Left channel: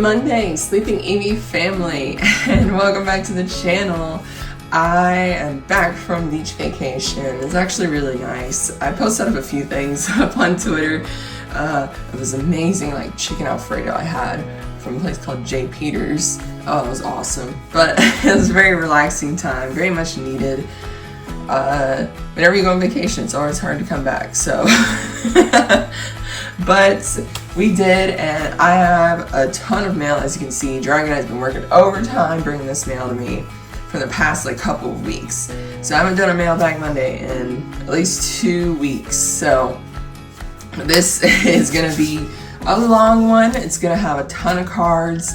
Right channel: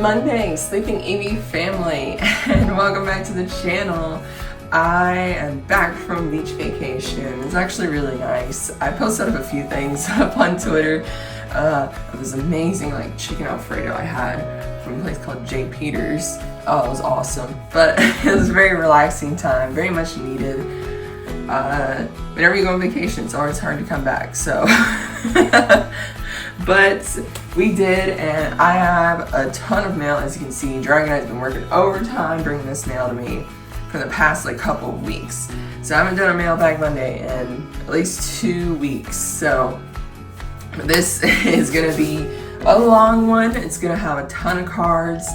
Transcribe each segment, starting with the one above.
Monday, Sleeping Eevee family, and welcome back to the channel. I am back from beach vacation. It's actually really nice. I posted up a few things up on Twitter. It was amazing, like chicken Alfredo I had from a place called J. Peters. Oh, it was awesome. But it was a very relaxing time, very much needed. Whenever you go on vacation, it's always hard to come back, so. But we did, and I have a ton of mail. As you can see, Dragonite's been working overtime bringing this mail to me for the past couple of weeks. So I haven't done a Mailbag Monday in at least 2 weeks. So this is gonna be a long one. It's gonna have a ton of cards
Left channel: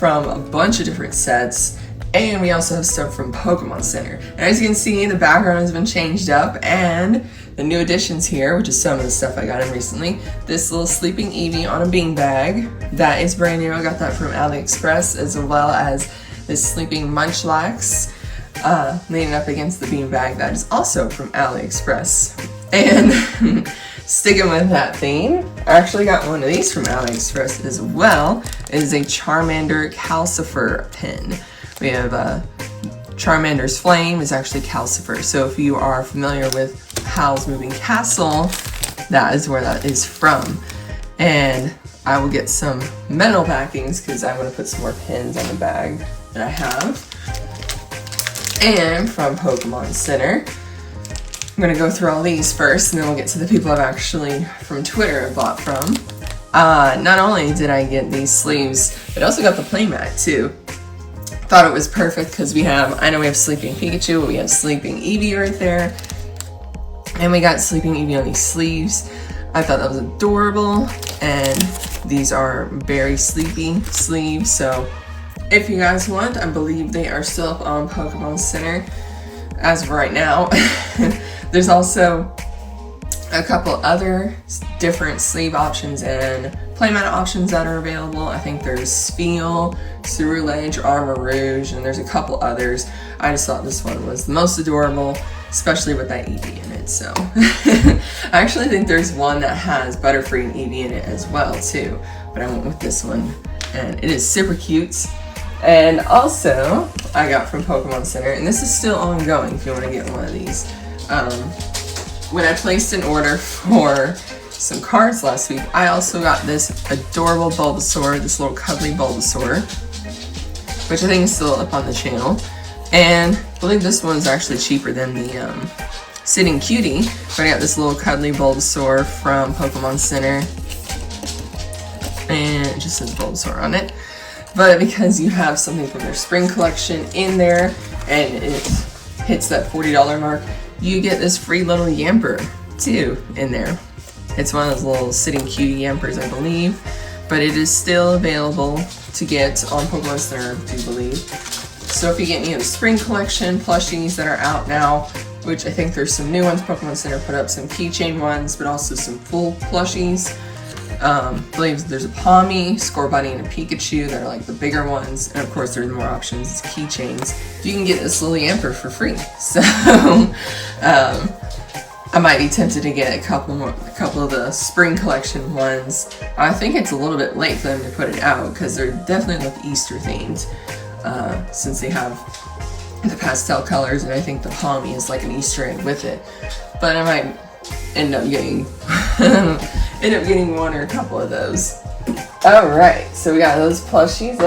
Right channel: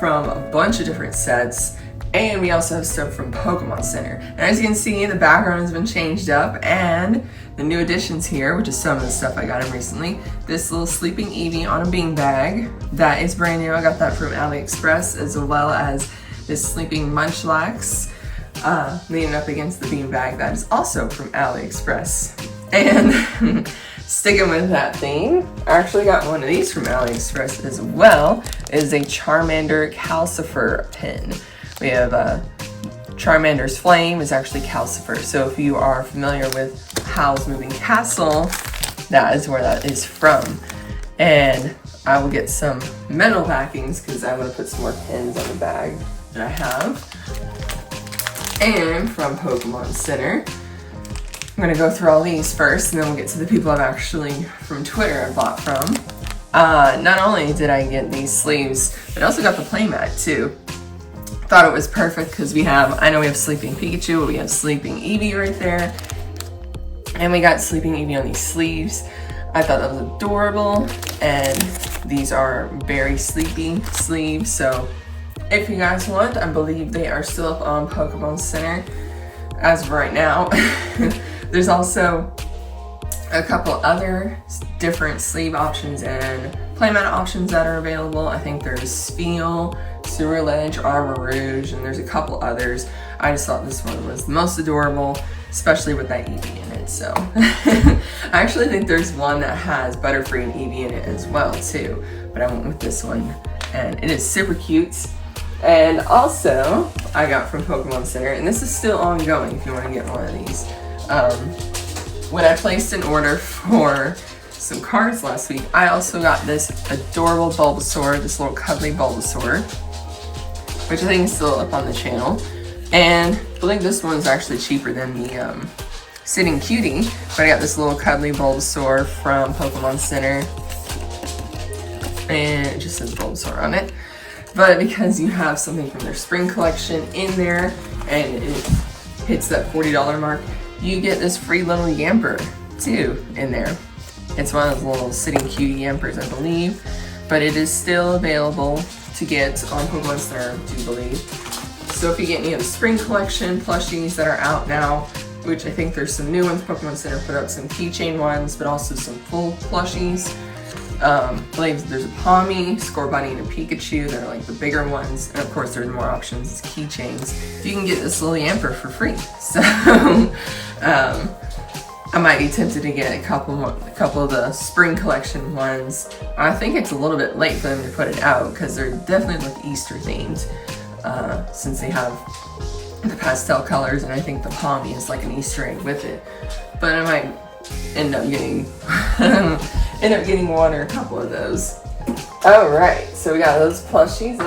from a bunch of different sets. And we also have stuff from Pokémon Center. And as you can see, the background has been changed up, and the new additions here, which is some of the stuff I got in recently. This little Sleeping Eevee on a beanbag. That is brand new. I got that from AliExpress, as well as this Sleeping Munchlax leaning up against the beanbag. That is also from AliExpress. And sticking with that theme, I actually got one of these from AliExpress as well. It is a Charmander Calcifer pin. We have Charmander's Flame is actually Calcifer. So if you are familiar with Howl's Moving Castle, that is where that is from. And I will get some metal backings because I want to put some more pins on the bag that I have. And from Pokémon Center, I'm going to go through all these first, and then we'll get to the people I've actually, from Twitter, I bought from. Not only did I get these sleeves, but I also got the playmat too. Thought it was perfect because I know we have Sleeping Pikachu, but we have Sleeping Eevee right there. And we got Sleeping Eevee on these sleeves. I thought that was adorable. And these are very sleepy sleeves. So if you guys want, I believe they are still up on Pokémon Center as of right now. There's also a couple other different sleeve options and playmat options that are available. I think there's Spheal, Ceruledge, Armor Rouge, and there's a couple others. I just thought this one was the most adorable, especially with that Eevee in it. So I actually think there's one that has Butterfree and Eevee in it as well too, but I went with this one, and it is super cute. And also I got from Pokémon Center, and this is still ongoing if you want to get one of these. When I placed an order for some cards last week, I also got this adorable Bulbasaur, this little cuddly Bulbasaur, which I think is still up on the channel. And I believe this one's actually cheaper than the Sitting Cutie, but I got this little cuddly Bulbasaur from Pokémon Center. And it just says Bulbasaur on it. But because you have something from their spring collection in there, and it hits that $40 mark, you get this free little Yamper too in there. It's one of those little Sitting Cutie Yampers, I believe, but it is still available to get on Pokémon Center, I do believe. So if you get any of the spring collection plushies that are out now, which I think there's some new ones, Pokémon Center put up some keychain ones, but also some full plushies. I believe there's a Palmy, Scorbunny, and a Pikachu that are like the bigger ones, and of course there's more options, it's keychains. You can get this little Yamper for free. So I might be tempted to get a couple of the spring collection ones. I think it's a little bit late for them to put it out because they're definitely like Easter themed, since they have the pastel colors, and I think the Palmy is like an Easter egg with it. But I might end up getting one or a couple of those. All right, so we got those plushies.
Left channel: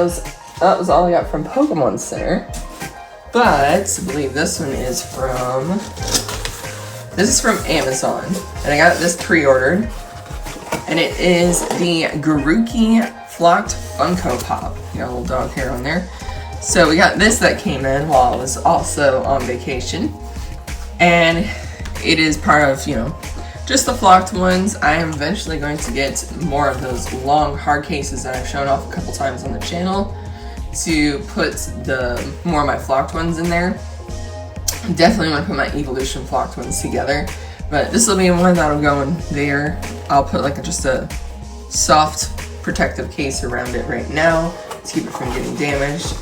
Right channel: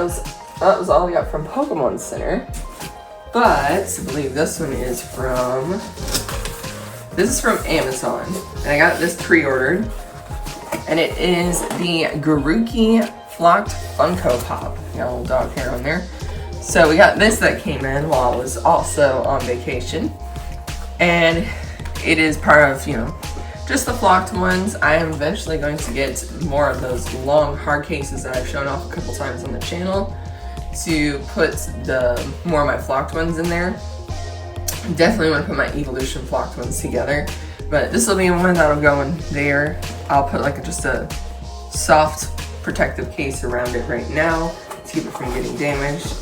That was all I got from Pokémon Center. But I believe this one is from. This is from Amazon, and I got this pre-ordered, and it is the Garuki Flocked Funko Pop. You got a little dog hair on there. So we got this that came in while I was also on vacation, and it is part of, just the flocked ones. I am eventually going to get more of those long hard cases that I've shown off a couple times on the channel to put more of my flocked ones in there. Definitely want to put my Evolution flocked ones together, but this will be one that'll go in there. I'll put just a soft protective case around it right now to keep it from getting damaged.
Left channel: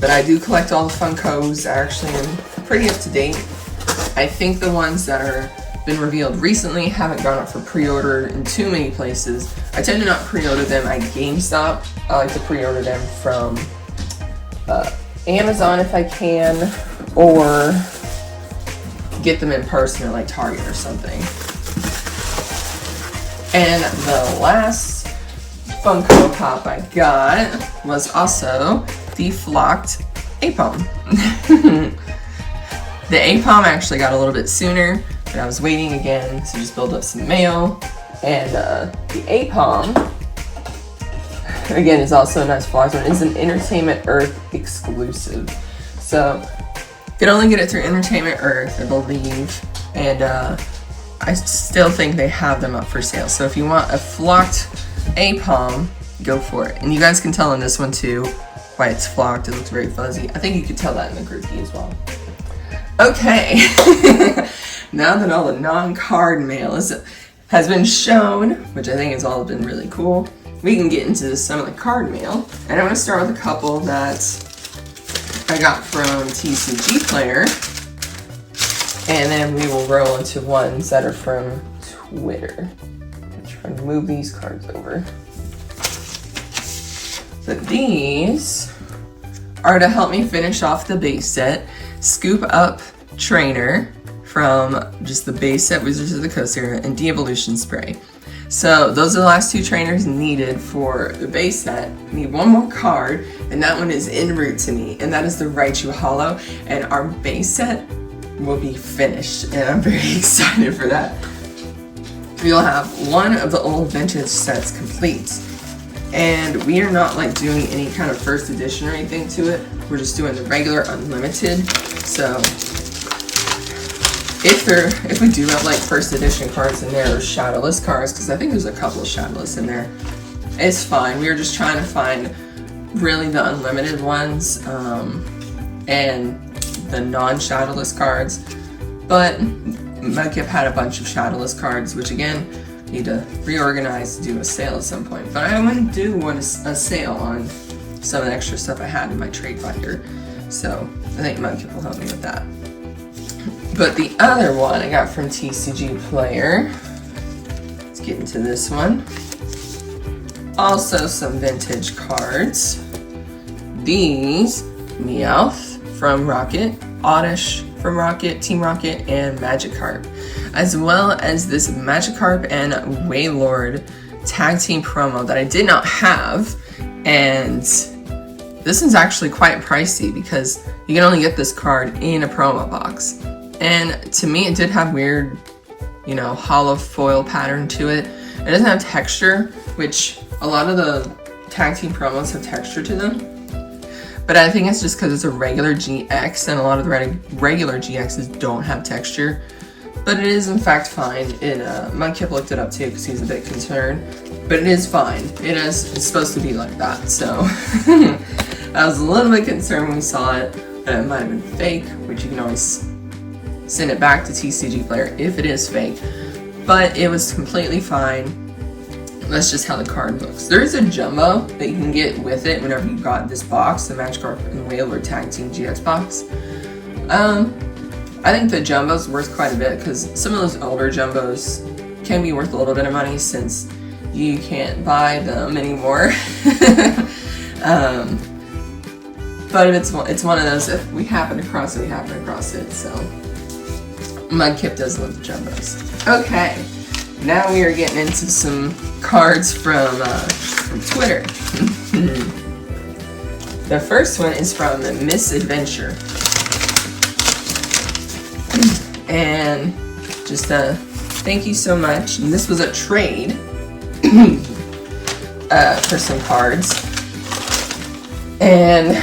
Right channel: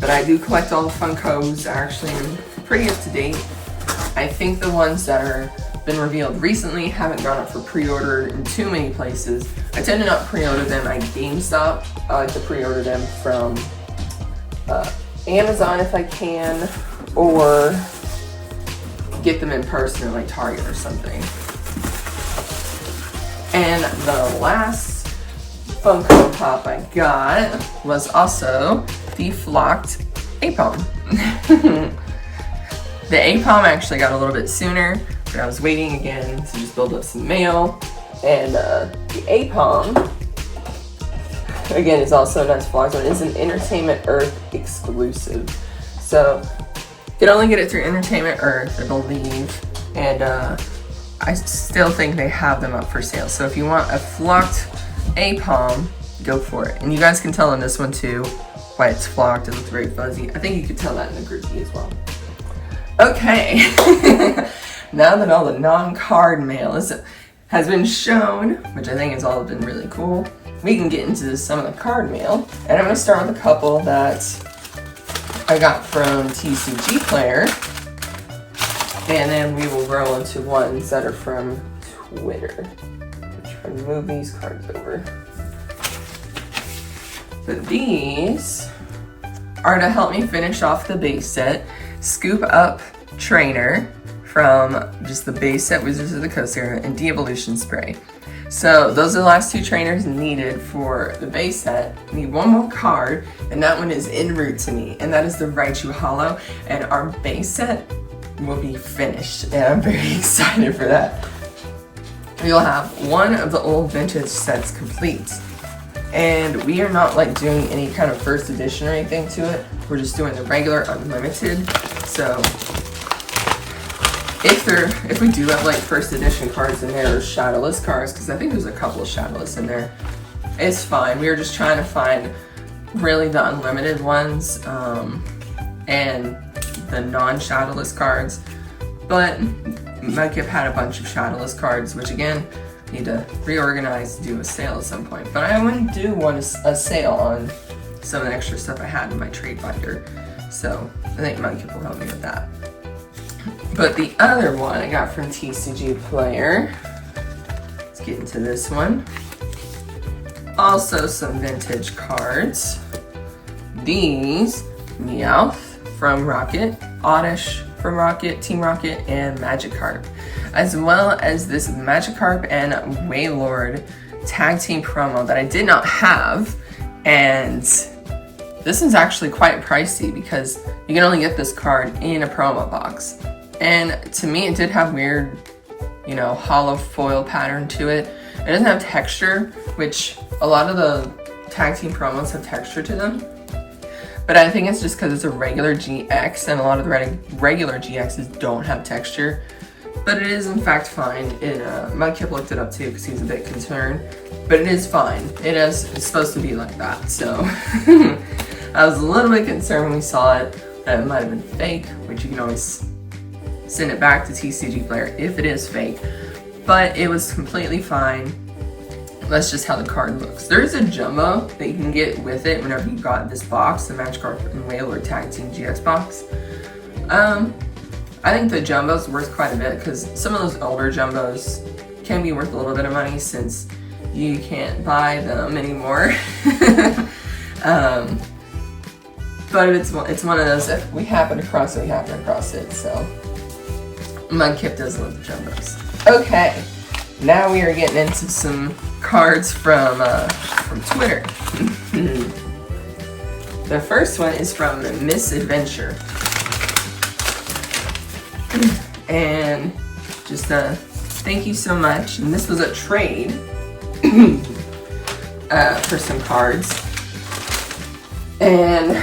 But I do collect all the Funkos. I actually am pretty up to date. I think the ones that are been revealed recently, haven't gone up for pre-order in too many places. I tend to not pre-order them at GameStop. I like to pre-order them from Amazon if I can, or get them in person at like Target or something. And the last Funko Pop I got was also the flocked Aipom. The Aipom actually got a little bit sooner, but I was waiting again to just build up some mail. And the Aipom, again, is also a nice flocked one. It's an Entertainment Earth exclusive. So you can only get it through Entertainment Earth, I believe. And I still think they have them up for sale. So if you want a flocked Aipom, go for it. And you guys can tell in this one too why it's flocked. It looks very fuzzy. I think you could tell that in the groupie as well. Okay, now that all the non-card mail has been shown, which I think has all been really cool, we can get into some of the card mail. And I'm going to start with a couple that I got from TCG Player, and then we will roll into ones that are from Twitter. I'll try to move these cards over. So these are to help me finish off the base set. Scoop Up Trainer from just the base set Wizards of the Coast era, and De-Evolution Spray. So those are the last two trainers needed for the base set. I need one more card, and that one is en route to me, and that is the Raichu Hollow, and our base set will be finished, and I'm very excited for that. You'll have one of the old vintage sets complete. And we are not like doing any kind of first edition or anything to it. We're just doing the regular unlimited. So if we do have like first edition cards in there or shadowless cards, because I think there's a couple of shadowless in there, it's fine. We were just trying to find really the unlimited ones and the non-shadowless cards. But Mudkip had a bunch of shadowless cards, which again, need to reorganize, do a sale at some point. But I want to do a sale on some of the extra stuff I had in my trade binder. So I think Mudkip will help me with that. But the other one I got from TCG Player, let's get into this one. Also some vintage cards. These, Meowth from Rocket, Oddish from Rocket, Team Rocket, and Magikarp, as well as this Magikarp and Wailord tag team promo that I did not have, and this is actually quite pricey because you can only get this card in a promo box. And to me, it did have weird, you know, hollow foil pattern to it. It doesn't have texture, which a lot of the tag team promos have texture to them. But I think it's just because it's a regular GX, and a lot of the regular GXs don't have texture. But it is in fact fine. Mudkip looked it up too because he's a bit concerned. But it is fine. It's supposed to be like that. So I was a little bit concerned when we saw it that it might have been fake, which you can always send it back to TCG Player if it is fake. But it was completely fine. That's just how the card looks. There is a jumbo that you can get with it whenever you got this box, the Magikarp and Wailord Tag Team GX box. I think the jumbo's worth quite a bit because some of those older jumbos can be worth a little bit of money since you can't buy them anymore. But it's one of those, if we happen to cross it, we happen to cross it. So Mudkip does love the jumbos. Okay. Now we are getting into some cards from Twitter. The first one is from Misadventure. And just thank you so much. And this was a trade for some cards. And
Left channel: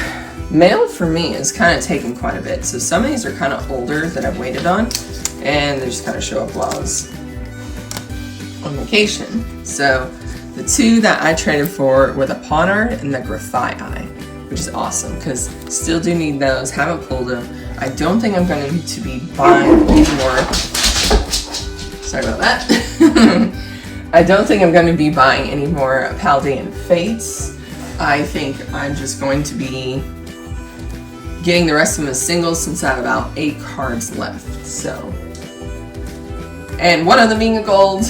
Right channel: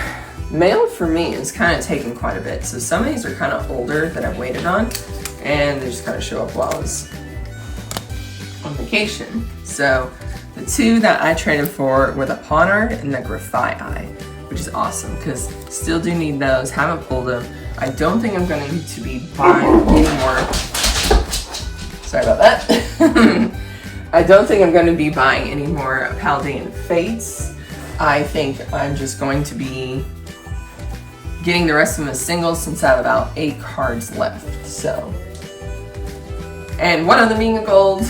mail for me is kind of taking quite a bit. So some of these are kind of older that I've waited on. And they just kind of show up while I was on vacation. So the two that I traded for were the Ponard and the Grafaiai, which is awesome because still do need those, haven't pulled them. I don't think I'm going to need to be buying any more. Sorry about that. I don't think I'm going to be buying any more Paldean Fates. I think I'm just going to be getting the rest of them as singles since I have about 8 cards left. So And one of them being a gold.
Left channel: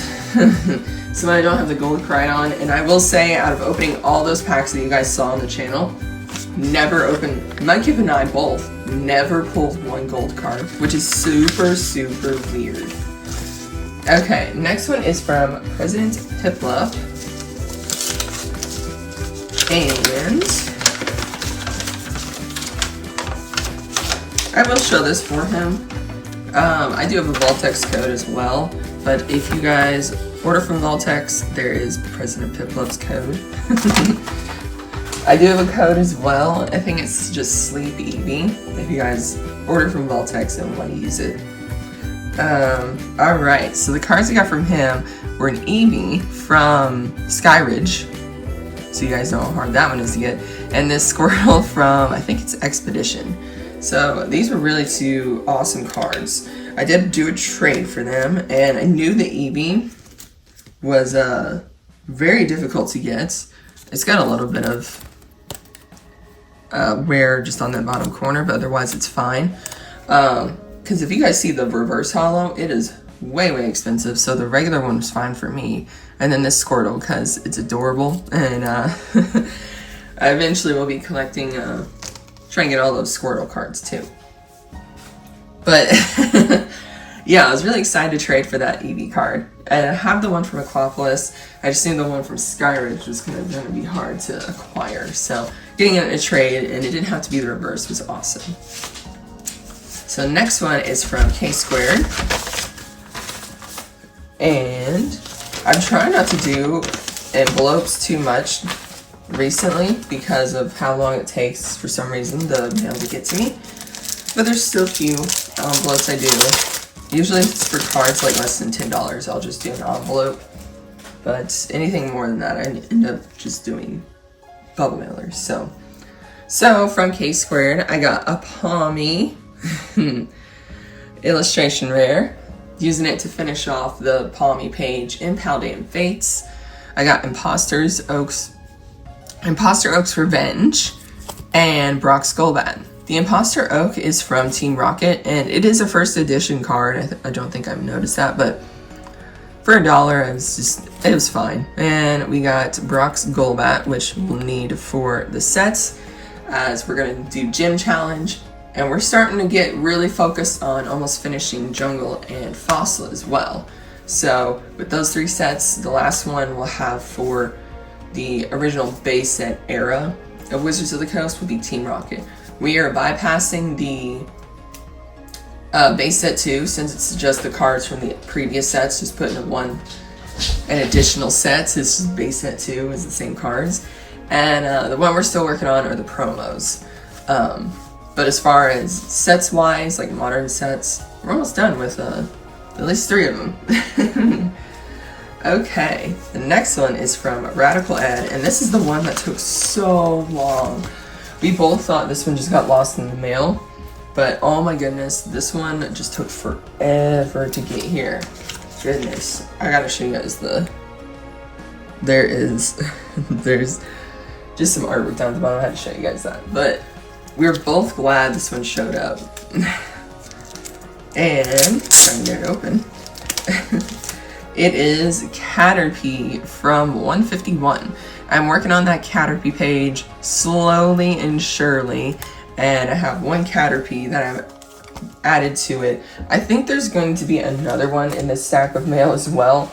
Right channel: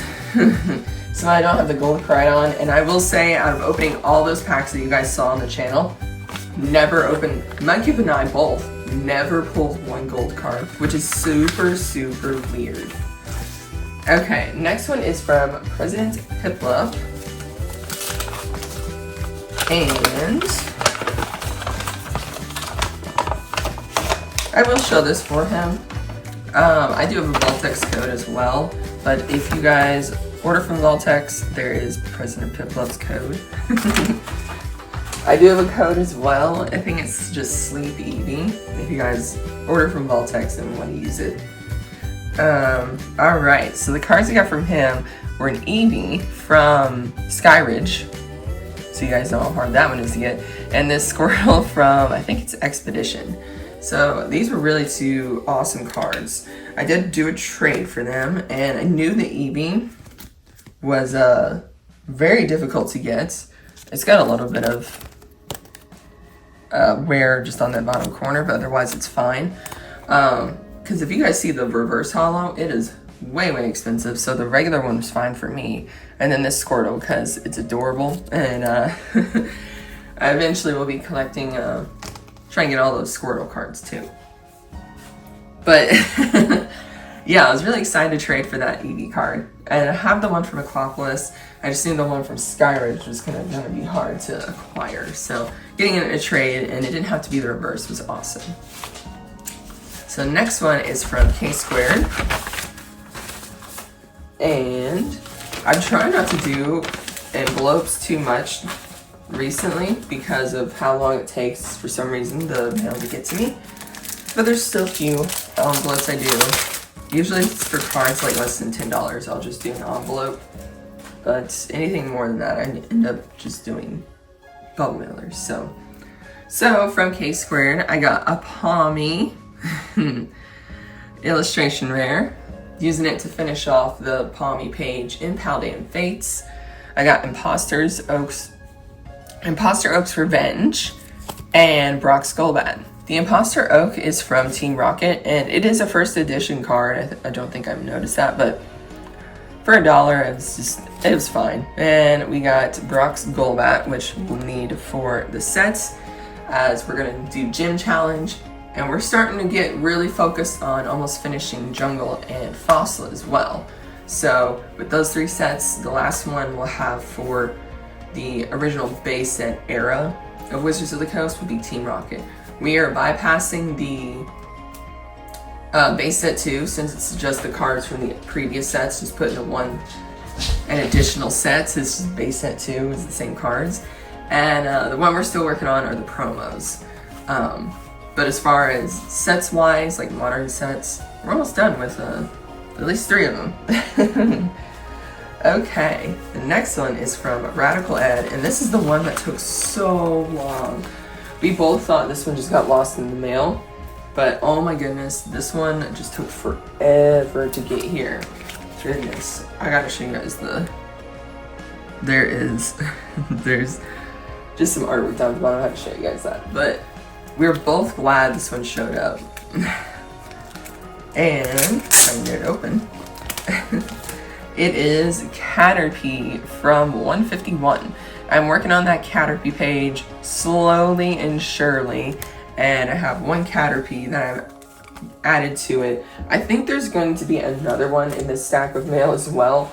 So I don't have the gold card on. And I will say, out of opening all those packs that you guys saw on the channel, never opened, Mudkip and I both never pulled one gold card, which is super, super weird. Okay, next one is from President Piplup. And I will show this for him. I do have a Voltex code as well, but if you guys order from Voltex, there is President Piplup's code. I do have a code as well. I think it's just Sleep Eevee. If you guys order from Voltex and want to use it. Alright, so the cards I got from him were an Eevee from Skyridge. So you guys know how hard that one is to get. And this Squirtle from, I think it's Expedition. So these were really two awesome cards. I did do a trade for them, and I knew the Eevee was very difficult to get. It's got a little bit of wear just on that bottom corner, but otherwise it's fine. Because if you guys see the reverse holo, it is way, way expensive. So the regular one was fine for me. And then this Squirtle, because it's adorable. And I eventually will be collecting, trying to get all those Squirtle cards too. But yeah, I was really excited to trade for that Eevee card. And I have the one from Aquapolis. I just knew the one from Skyridge was going to be hard to acquire. So getting it in a trade, and it didn't have to be the reverse, was awesome. So next one is from K Squared. And I'm trying not to do envelopes too much recently because of how long it takes for some reason the mail to get to me. But there's still a few envelopes I do. Usually if it's for cards like less than $10, I'll just do an envelope. But anything more than that, I end up just doing bubble mailers. So from K Squared, I got a Palmy illustration rare, using it to finish off the Palmy page in Paldean Fates. I got Imposter Oak's Revenge, and Brock's Golbat. The Imposter Oak is from Team Rocket, and it is a first edition card. I don't think I've noticed that, but for $1, it was fine. And we got Brock's Golbat, which we'll need for the sets, as we're gonna do Gym Challenge, and we're starting to get really focused on almost finishing Jungle and Fossil as well. So with those three sets, the last one we'll have for the original base set era of Wizards of the Coast will be Team Rocket. We are bypassing the base set 2, since it's just the cards from the previous sets, just putting an additional set. So it's just base set 2 is the same cards. And the one we're still working on are the promos. But as far as sets wise, like modern sets, we're almost done with at least 3 of them. Okay, the next one is from Radical Ed, and this is the one that took so long. We both thought this one just got lost in the mail, but oh my goodness, this one just took forever to get here. Goodness, I gotta show you guys there's just some artwork down at the bottom. I have to show you guys that, but we were both glad this one showed up. And if I can get it open. It is Caterpie from 151. I'm working on that Caterpie page slowly and surely, and I have one Caterpie that I've added to it. I think there's going to be another one in this stack of mail as well,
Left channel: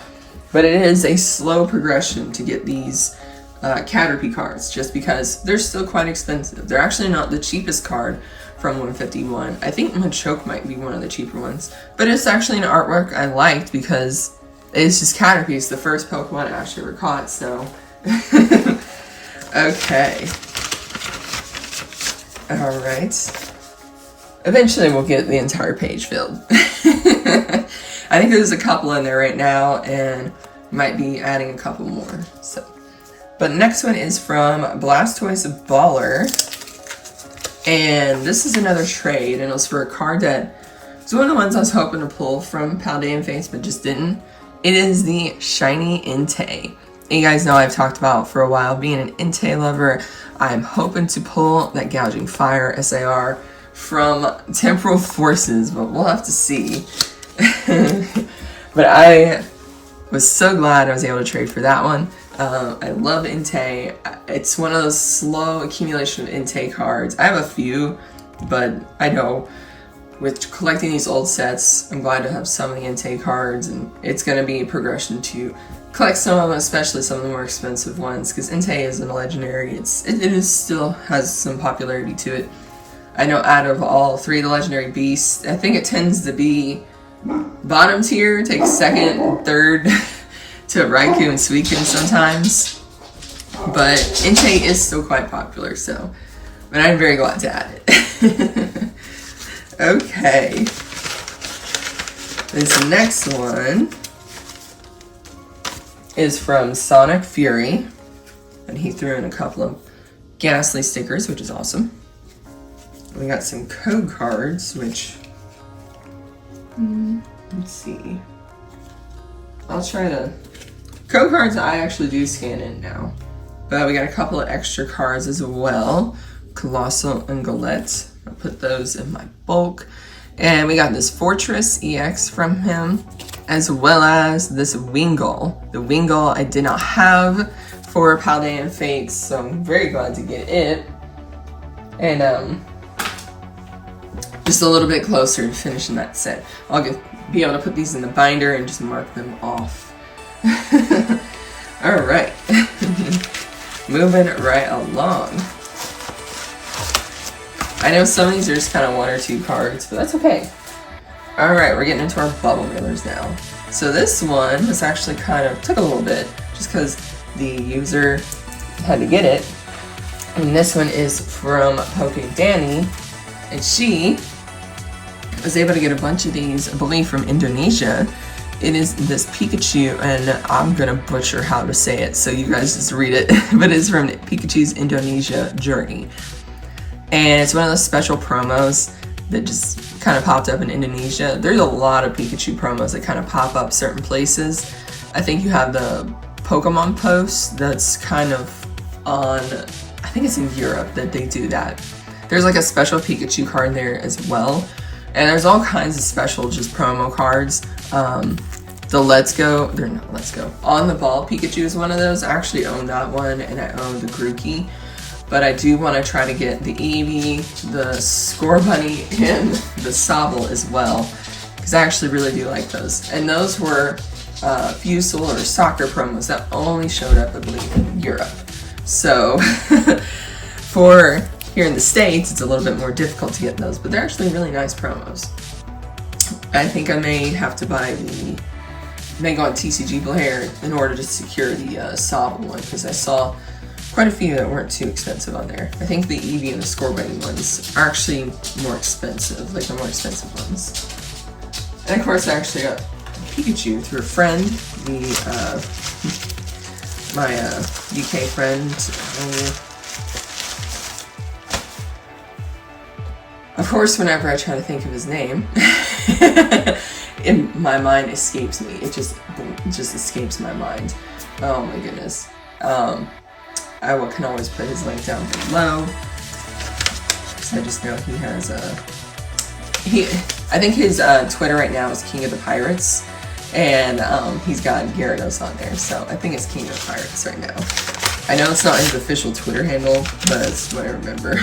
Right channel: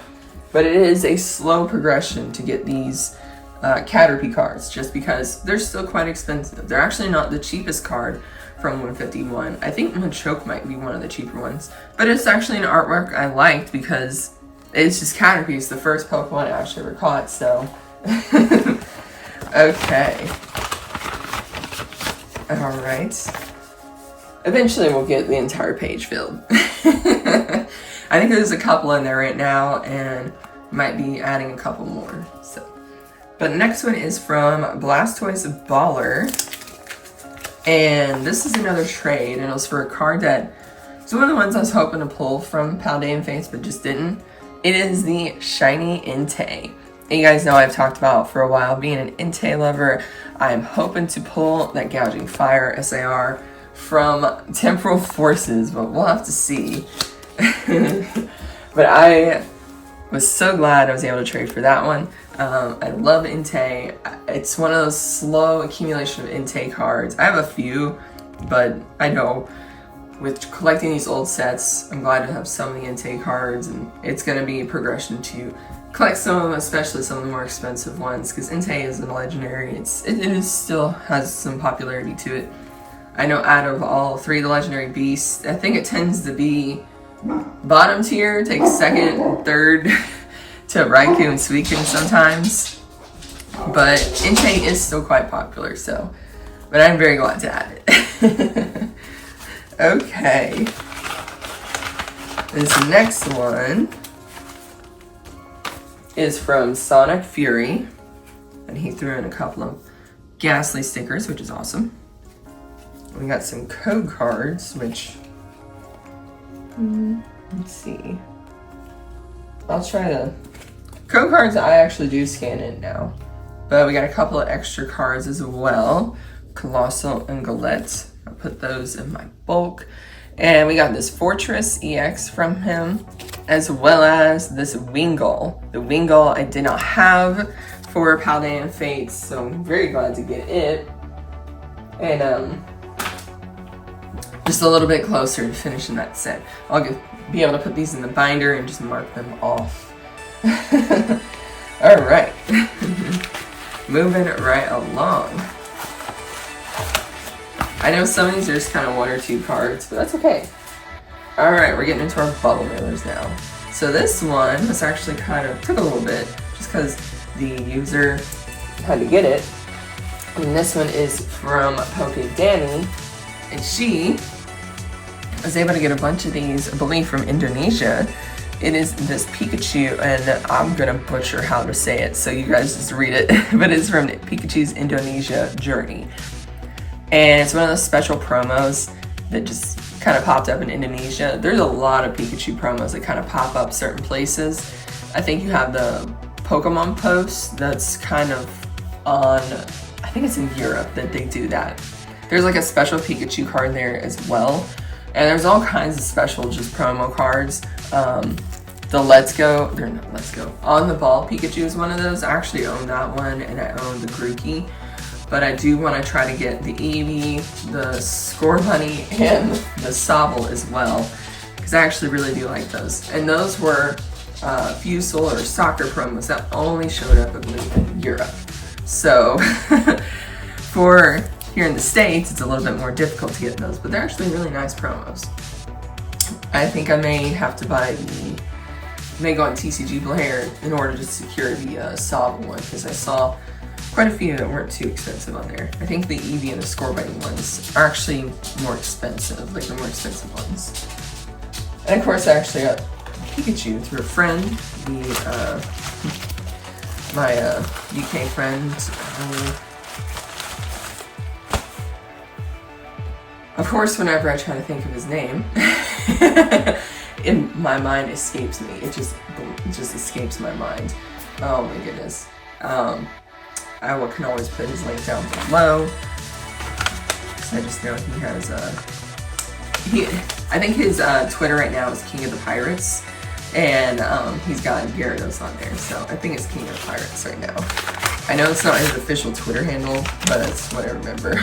but it is a slow progression to get these Caterpie cards, just because they're still quite expensive. They're actually not the cheapest card from 151. I think Machoke might be one of the cheaper ones, but it's actually an artwork I liked because it's just Caterpie. It's the first Pokemon I actually ever caught, so. Okay. Alright. Eventually we'll get the entire page filled. I think there's a couple in there right now, and might be adding a couple more, so. But next one is from Blastoise Baller. And this is another trade, and it was for a card that was one of the ones I was hoping to pull from Paldean Fates, but just didn't. It is the Shiny Entei. You guys know I've talked about for a while being an Entei lover. I'm hoping to pull that Gouging Fire SAR from Temporal Forces, but we'll have to see. But I was so glad I was able to trade for that one. I love Entei. It's one of those slow accumulation of Entei cards. I have a few, but I know with collecting these old sets, I'm glad to have some of the Entei cards, and it's going to be a progression to collect some of them, especially some of the more expensive ones, because Entei isn't a legendary. It still has some popularity to it. I know out of all 3 of the legendary beasts, I think it tends to be bottom tier, takes second, third to Raikou and Suicune sometimes. But Entei is still quite popular, so. But I'm very glad to add it. Okay. This next one is from Sonic Fury. And he threw in a couple of Ghastly stickers, which is awesome. We got some code cards, which, let's see. I'll try to, code cards I actually do scan in now. But we got a couple of extra cards as well. Colossal and Galette. I'll put those in my bulk. And we got this Fortress EX from him, as well as this Wingull. The Wingull I did not have for Paldean Fates, so I'm very glad to get it. And just a little bit closer to finishing that set. I'll be able to put these in the binder and just mark them off. Alright. Moving right along. I know some of these are just kind of 1 or 2 cards, but that's okay. Alright, we're getting into our bubble mailers now. So this one was actually kind of, took a little bit, just because the user had to get it. And this one is from Danny, and she was able to get a bunch of these, I believe from Indonesia. It is this Pikachu, and I'm gonna butcher how to say it, so you guys just read it. But it's from Pikachu's Indonesia Journey. And it's one of those special promos that just kind of popped up in Indonesia. There's a lot of Pikachu promos that kind of pop up certain places. I think you have the Pokemon post that's kind of on, I think it's in Europe that they do that. There's like a special Pikachu card there as well. And there's all kinds of special just promo cards. The On the Ball Pikachu is one of those. I actually own that one, and I own the Grookey. But I do want to try to get the Eevee, the Scorbunny, and the Sobble as well, because I actually really do like those. And those were Fusel or soccer promos that only showed up, I believe, in Europe. So for here in the States, it's a little bit more difficult to get those, but they're actually really nice promos. I think I may have to buy may go on TCG Player in order to secure the Sobble one, because I saw quite a few that weren't too expensive on there. I think the Eevee and the Scorbunny ones are actually more expensive, like the more expensive ones. And of course I actually got Pikachu through a friend, my UK friend. Of course, whenever I try to think of his name, in my mind escapes me. It just escapes my mind. Oh my goodness. I can always put his link down below, because I just know he has I think his Twitter right now is King of the Pirates, and he's got Gyarados on there, so I think it's King of the Pirates right now. I know it's not his official Twitter handle, but it's what I remember.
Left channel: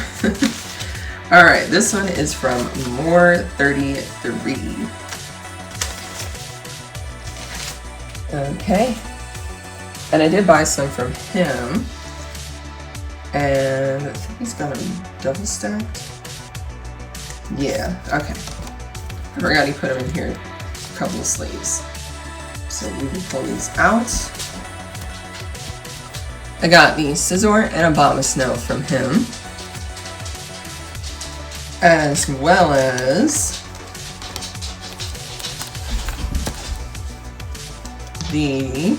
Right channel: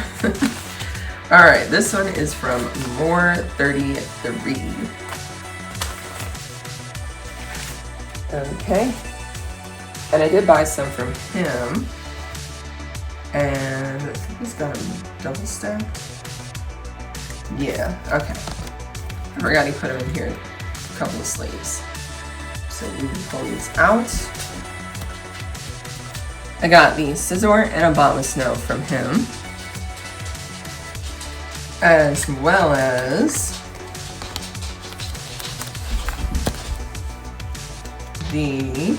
Alright, this one is from More33. Okay. And I did buy some from him. And I think he's got them double stacked. Yeah, okay. I forgot he put them in here in a couple of sleeves. So we can pull these out. I got the Scizor and Abomasnow from him, as well as he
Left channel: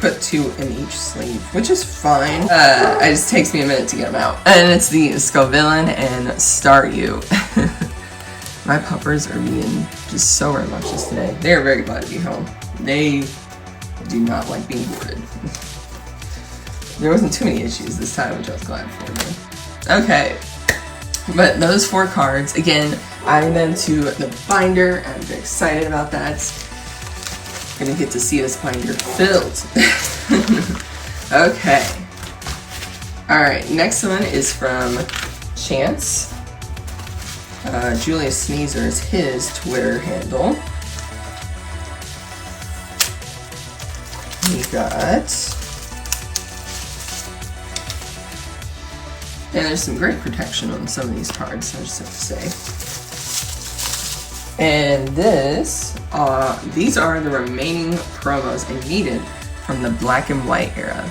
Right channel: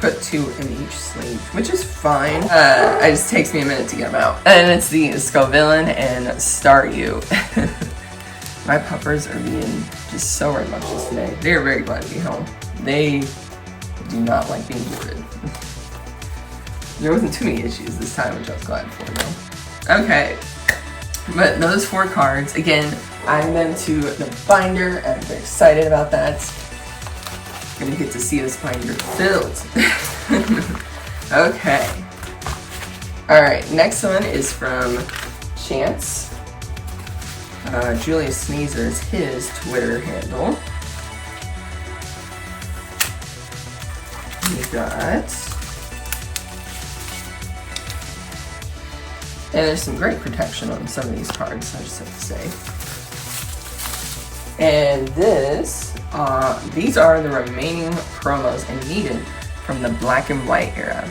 put 2 in each sleeve, which is fine. It just takes me a minute to get them out. And it's the Scovillain and Staryu. My puppers are being just so rambunctious today. They are very glad to be home. They do not like being boarded. There wasn't too many issues this time, which I was glad for though. Okay, but those 4 cards, again, I'm into the binder. I'm very excited about that. gonna get to see this binder filled. Okay. Alright, next one is from Chance. Julius Sneezer is his Twitter handle. We got... And there's some great protection on some of these cards, I just have to say. And these are the remaining promos I needed from the black and white era.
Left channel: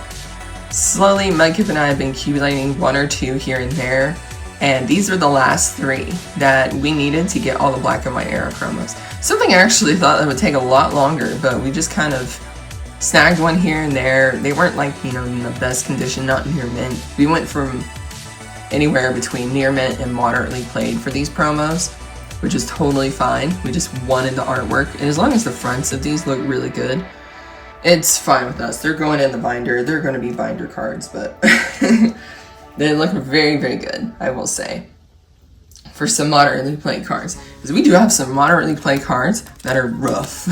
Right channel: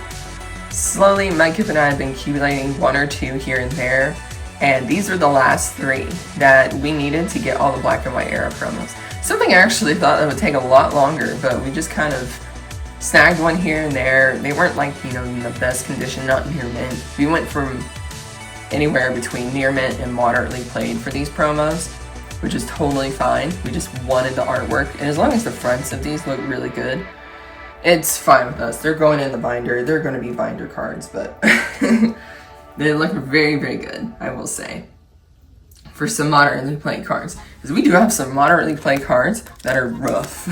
Slowly, Mudkip and I have been accumulating one or two here and there, and these are the last 3 that we needed to get all the black and white era promos. Something I actually thought that would take a lot longer, but we just kind of snagged one here and there. They weren't like, you know, in the best condition, not near mint. We went from anywhere between near mint and moderately played for these promos, which is totally fine. We just wanted the artwork, and as long as the fronts of these look really good, it's fine with us. They're going in the binder. They're going to be binder cards, but they look very, very good, I will say, for some moderately played cards. Because we do have some moderately played cards that are rough.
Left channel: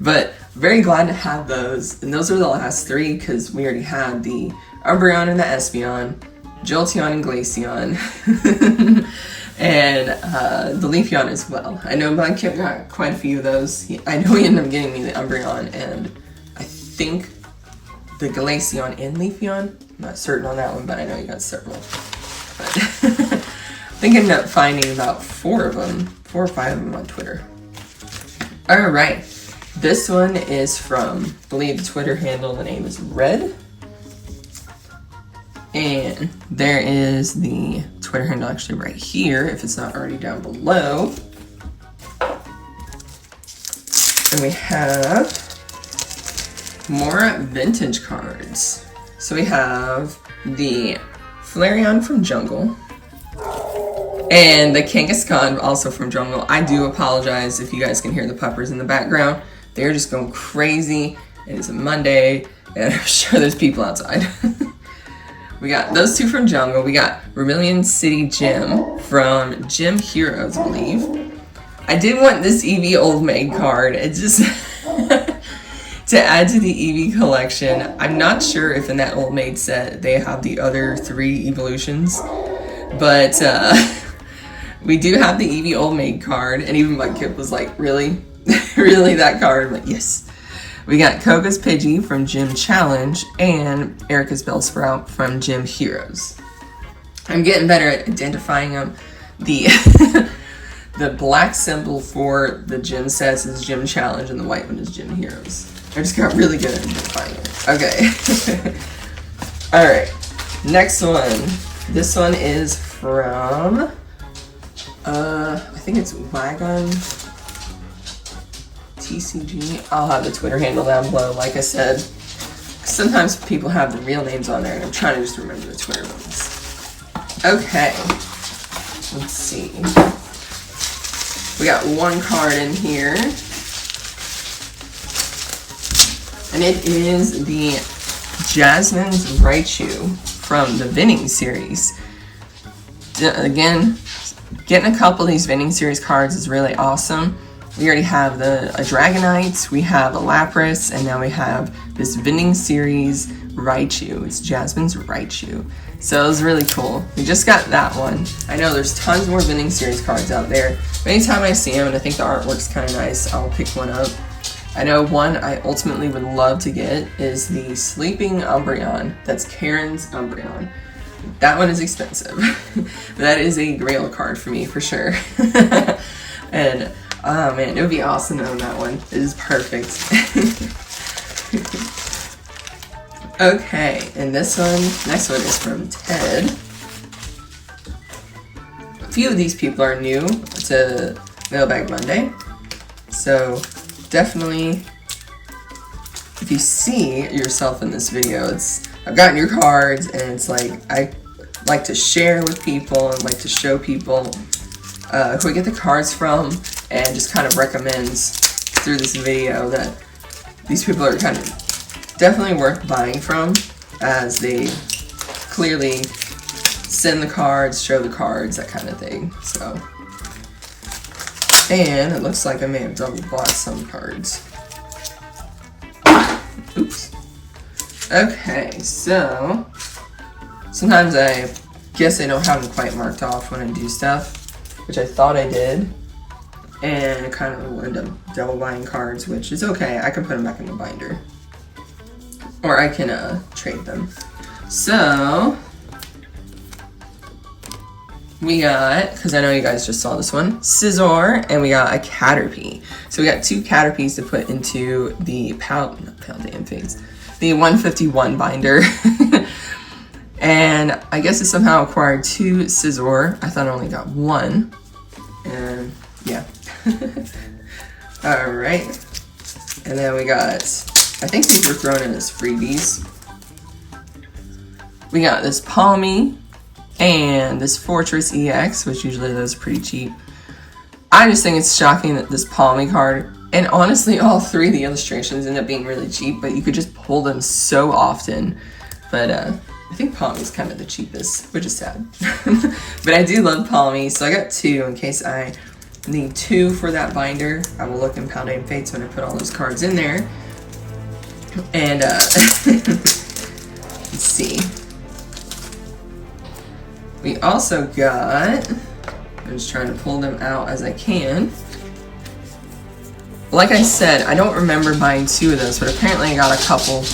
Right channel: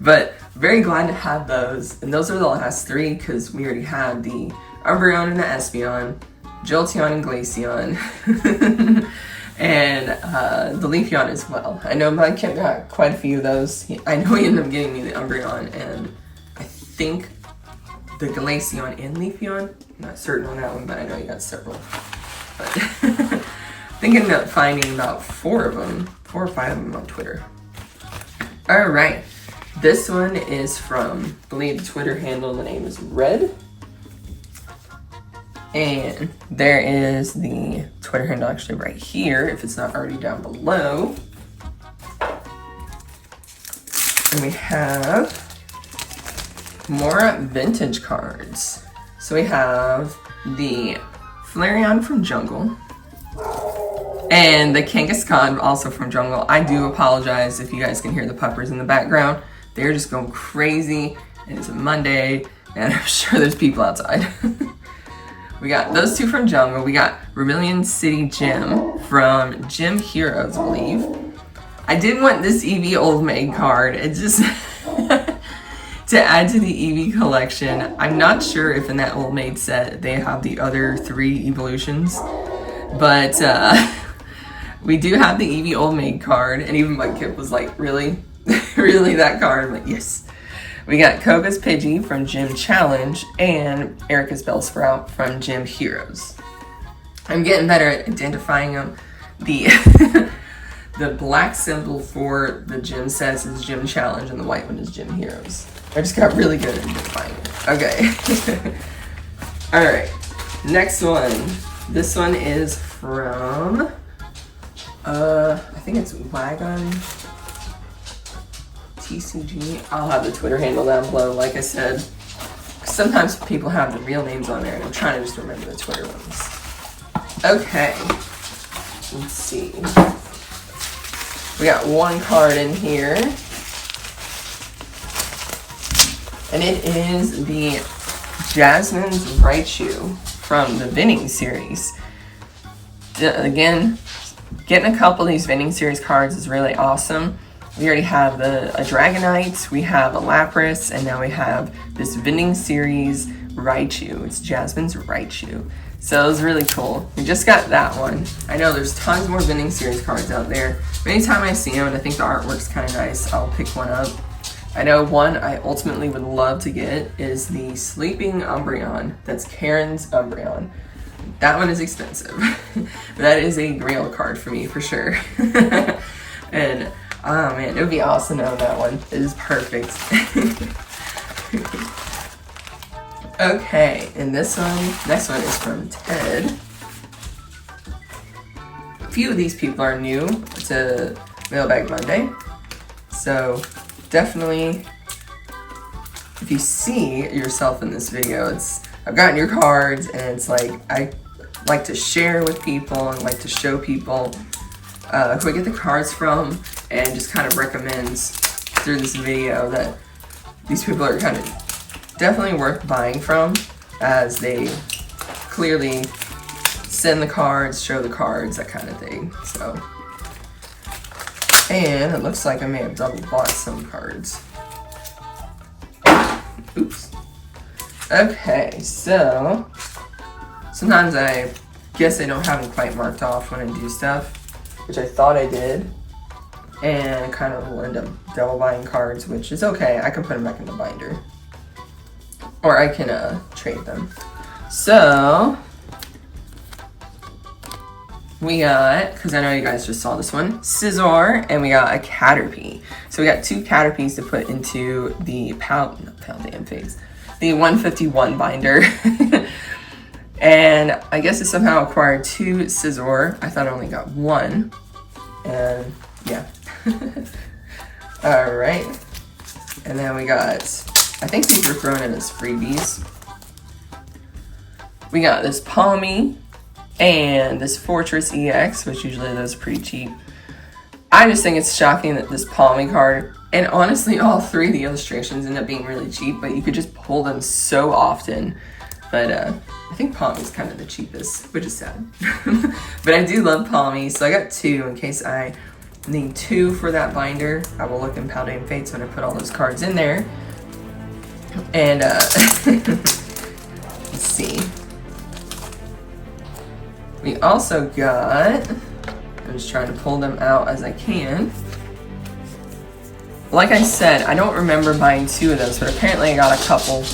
But very glad to have those. And those are the last 3 because we already had the Umbreon and the Espeon, Jolteon and Glaceon, and the Leafeon as well. I know Mudkip got quite a few of those. I know he ended up getting me the Umbreon and I think the Glaceon and Leafeon. I'm not certain on that one, but I know he got several. But I think I ended up finding about 4 or 5 of them on Twitter. Alright, this one is from, I believe the Twitter handle, the name is Red. And there is the Twitter handle actually right here, if it's not already down below. And we have more vintage cards. So we have the Flareon from Jungle and the Kangaskhan also from Jungle. I do apologize if you guys can hear the puppers in the background. They're just going crazy. It is a Monday and I'm sure there's people outside. We got those 2 from Jungle. We got Vermilion City Gym from Gym Heroes, I believe. I did want this Eevee Old Maid card. It just to add to the Eevee collection. I'm not sure if in that Old Maid set they have the other 3 evolutions, but we do have the Eevee Old Maid card, and even Mudkip was like, really? Really, that card? I'm like, yes. We got Koga's Pidgey from Gym Challenge and Erica's Bellsprout from Gym Heroes. I'm getting better at identifying them. The the black symbol for the gym sets is Gym Challenge and the white one is Gym Heroes. I just got really good at identifying it. Okay. Alright. Next one. This one is from I think it's Wagon TCG. I'll have the Twitter handle down below, like I said. Sometimes people have the real names on there, and I'm trying to just remember the Twitter ones. Okay. Let's see. We got 1 card in here. And it is the Jasmine's Raichu from the Vinning series. Again, getting a couple of these Vinning series cards is really awesome. We already have a Dragonite, we have a Lapras, and now we have this Vinning series Raichu. It's Jasmine's Raichu. So it was really cool. We just got that one. I know there's tons more Vinning series cards out there. Anytime I see them and I think the artwork's kind of nice, I'll pick one up. I know one I ultimately would love to get is the Sleeping Umbreon. That's Karen's Umbreon. That one is expensive. But that is a grail card for me, for sure. And, oh man, it would be awesome to own that one. It is perfect. Okay, and this one, next one is from Ted. A few of these people are new to Mailbag Monday. So, definitely, if you see yourself in this video, I've gotten your cards, and it's like, I like to share with people and like to show people who I get the cards from, and just kind of recommends through this video that these people are kind of definitely worth buying from, as they clearly send the cards, show the cards, that kind of thing. So, And it looks like I may have double bought some cards. Oops. Okay, so sometimes I guess I don't have them quite marked off when I do stuff, which I thought I did, and I kind of will end up double buying cards, which is okay. I can put them back in the binder, or I can trade them. So we got, because I know you guys just saw this one, Scizor, and we got a Caterpie. So we got 2 Caterpies to put into the Paldean Fates, the 151 binder. And I guess I somehow acquired 2 Scizor. I thought I only got 1. And yeah. Alright. And then we got, I think these were thrown in as freebies. We got this Palmy and this Fortress EX, which usually those are pretty cheap. I just think it's shocking that this Palmy card, and honestly all 3 of the illustrations end up being really cheap, but you could just pull them so often. But I think Palmy's kind of the cheapest, which is sad. But I do love Palmy, so I got 2 in case I need 2 for that binder. I will look in Paldean Fates when I put all those cards in there. And let's see. We also got, I'm just trying to pull them out as I can. Like I said, I don't remember buying 2 of those, but apparently I got a couple.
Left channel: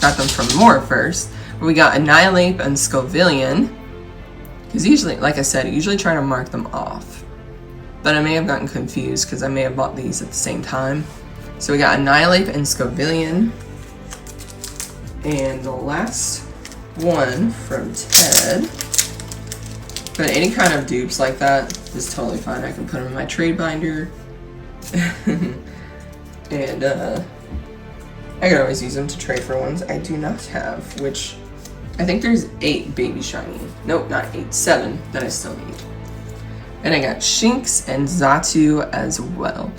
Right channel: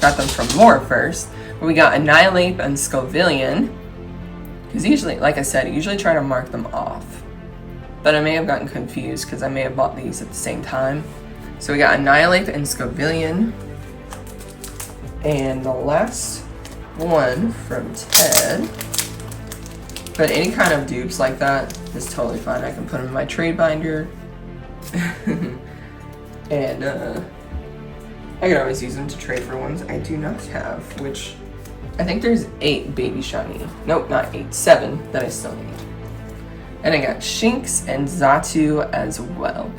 Got them from more first. We got Annihilate and Scovillion. Because usually, like I said, I usually try to mark them off. But I may have gotten confused because I may have bought these at the same time. So we got Annihilate and Scovillion. And the last one from Ted. But any kind of dupes like that is totally fine. I can put them in my trade binder. And I can always use them to trade for ones I do not have, which I think there's 8 baby shiny. Nope, not 8, 7 that I still need. And I got Shinx and Xatu as well.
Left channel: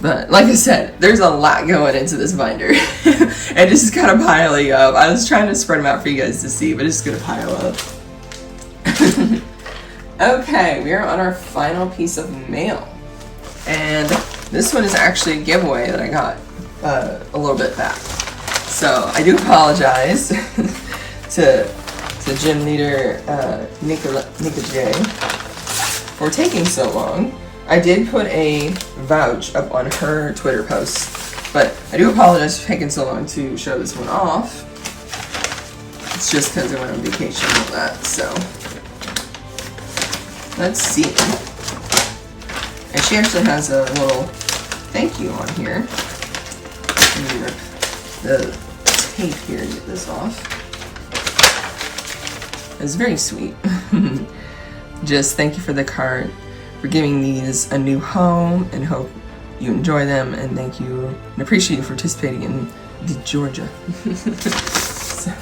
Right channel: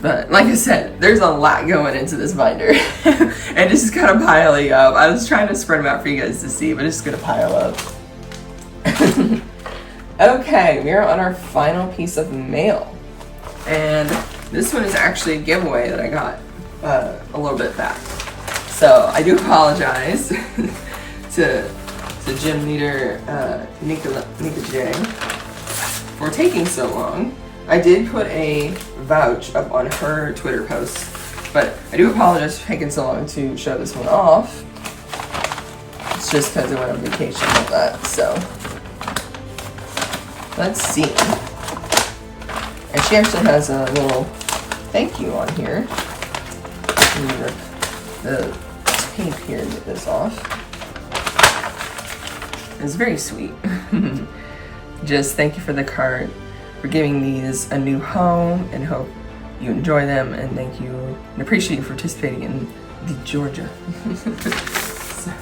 But like I said, there's a lot going into this binder. And this is kind of piling up. I was trying to spread them out for you guys to see, but it's gonna pile up. Okay, we are on our final piece of mail. And this one is actually a giveaway that I got a little bit back. So I do apologize to gym leader Nika J for taking so long. I did put a vouch up on her Twitter post, but I do apologize for taking so long to show this one off. It's just because I went on vacation and all that, so let's see. And she actually has a little thank you on here. The tape here to get this off. It's very sweet. Just thank you for the card, for giving these a new home, and hope you enjoy them, and thank you and appreciate you for participating in the Georgia. So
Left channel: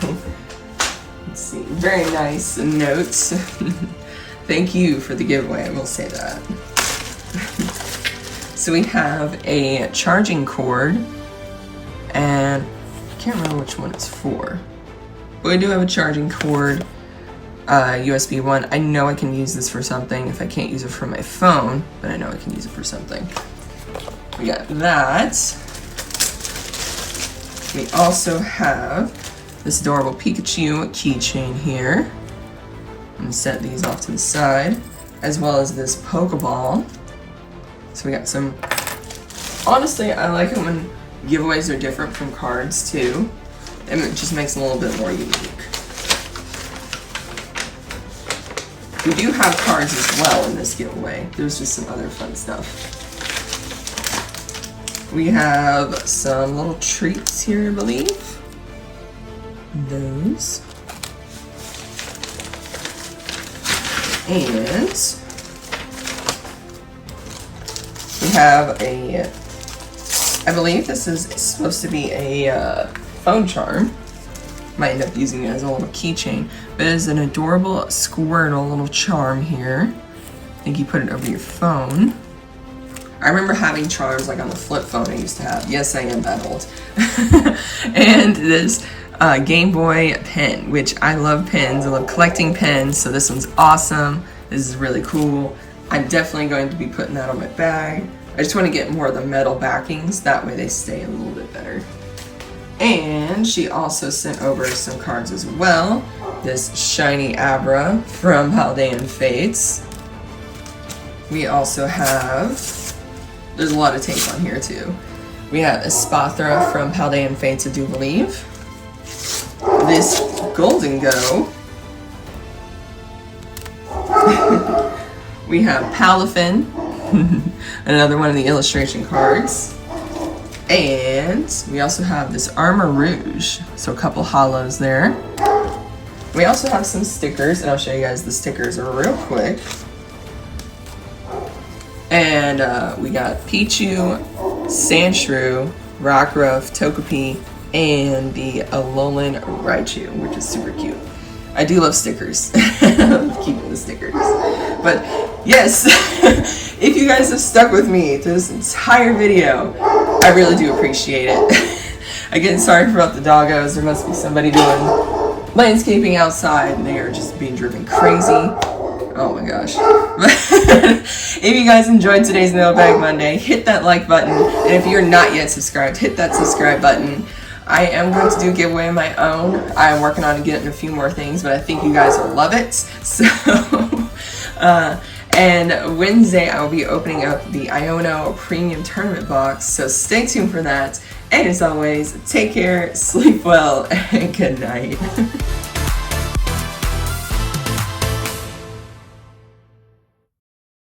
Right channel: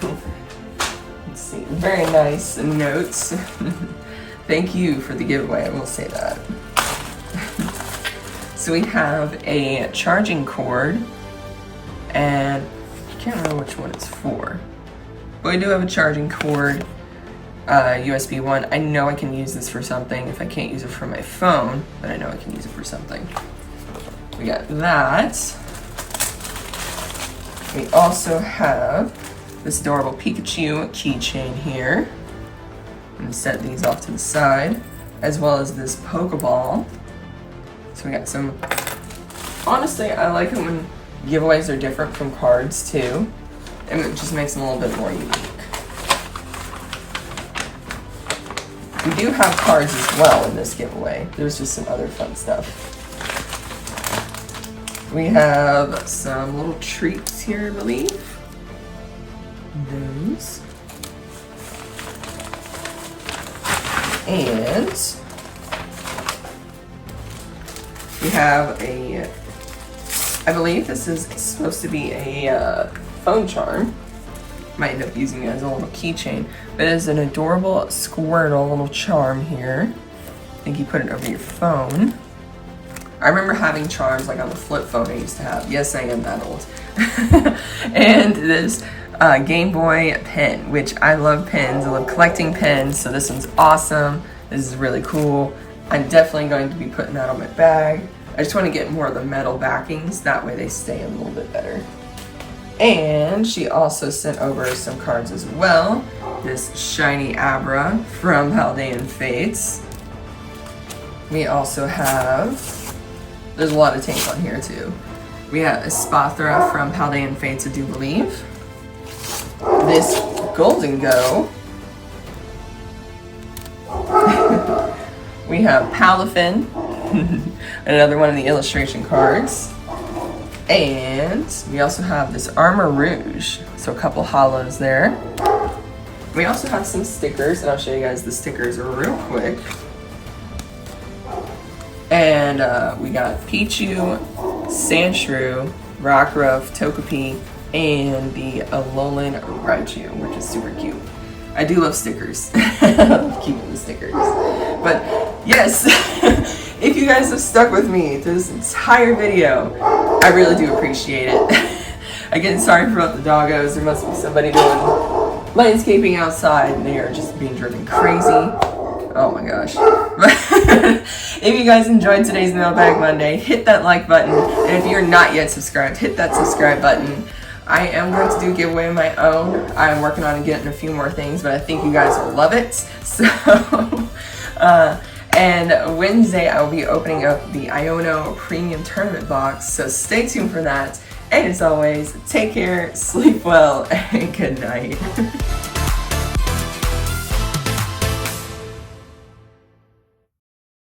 let's see, very nice notes. Thank you for the giveaway, I will say that. So we have a charging cord, and I can't remember which one it's for, but we do have a charging cord, USB one. I know I can use this for something if I can't use it for my phone, but I know I can use it for something. We got that. We also have this adorable Pikachu keychain here. I'm gonna set these off to the side, as well as this Pokeball. So we got some, honestly, I like it when giveaways are different from cards too, and it just makes them a little bit more unique. We do have cards as well in this giveaway. There's just some other fun stuff. We have some little treats here, I believe. Those. And we have a, I believe this is supposed to be a phone charm. Might end up using it as a little keychain, but it is an adorable Squirtle little charm here. I think you put it over your phone. I remember having charms like on the flip phone I used to have. Yes, I am that old. And this Game Boy pen, which I love pens. I love collecting pens, so this one's awesome. This is really cool. I'm definitely going to be putting that on my bag. I just want to get more of the metal backings, that way they stay a little bit better. And she also sent over some cards as well. This shiny Abra from Paldean Fates. We also have, there's a lot of tank on here too. We have Espathra from Paldean Fates, I do believe. This Golden Go. We have Palafin, another one of the illustration cards. And we also have this Armor Rouge, so a couple hollows there. We also have some stickers, and I'll show you guys the stickers real quick. And we got Pichu, Sandshrew, Rockruff, Togepi, and the Alolan Raichu, which is super cute. I do love stickers. I love keeping the stickers. But yes, if you guys have stuck with me through this entire video, I really do appreciate it. Again, sorry about the doggos. There must be somebody doing landscaping outside and they are just being driven crazy. Oh my gosh. If you guys enjoyed today's Mailbag Monday, hit that like button. And if you're not yet subscribed, hit that subscribe button. I am going to do a giveaway of my own. I'm working on getting a few more things, but I think you guys will love it. So, and Wednesday I will be opening up the Iono Premium Tournament box, so stay tuned for that. And as always, take care, sleep well, and good night.